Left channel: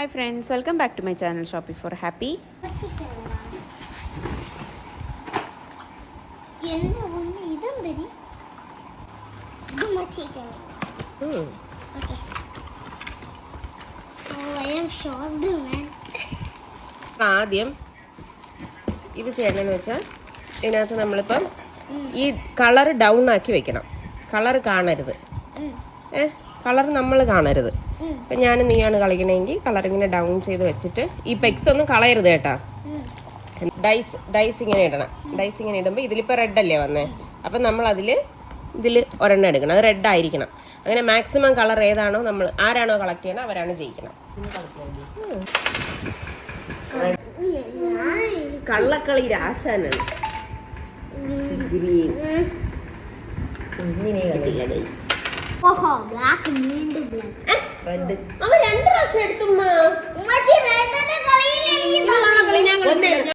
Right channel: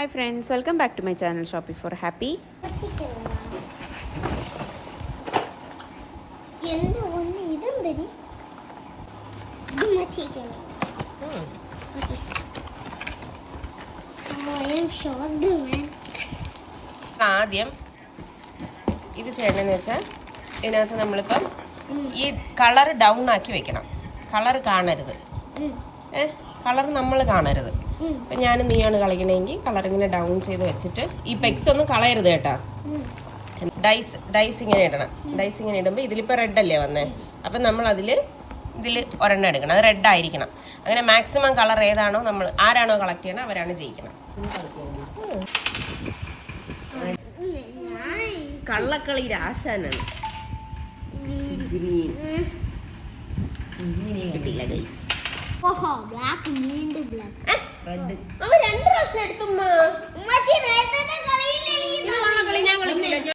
Hi friends, welcome back to my channel Shopping for Happy. ആദ്യം ഇത് ചെയ്യണമെന്ന് വെച്ചാൽ ഇതിനകത്ത് നമ്മളിപ്പം ഈ കളർ ഡൗൺ ആക്കി വെക്കണം. കളർ കാണരുത്, കളർ നമ്മൾ കാണരുത്. ഇപ്പം ഞാനും നീയാണ് കളിക്കണമെങ്കിൽ കളർ ഇങ്ങനെ ഡൗൺ ചെയ്ത് വെച്ചിട്ട് ഈ പെക്സ് ഒന്നും കളയരുത് കേട്ടാ. ഡൈസ് ഇങ്ങനെ ഇടണം. ഡൈസ് ഇങ്ങനെ ഇടുമ്പോൾ ഇതിലിപ്പോൾ റെഡ് അല്ലേ വന്നേ, അപ്പം നമ്മൾ ഇതിൽ ഒരെണ്ണം എടുക്കണം. അത് റെഡ് ആയിരിക്കണം. അങ്ങനെ മാക്സിമം കളർ ഏതാണോ നമ്മൾ ആരാണോ കളക്ട് ചെയ്യണം അവരാണ് ജയിക്കണം. കള്ളക്കളി രാശാനാണ്. ബ്ലാക്ക് വീണ്ടും ബ്ലാക്ക്. അവൻ 2 പ്രാവശ്യം എടുത്തുമ്മ.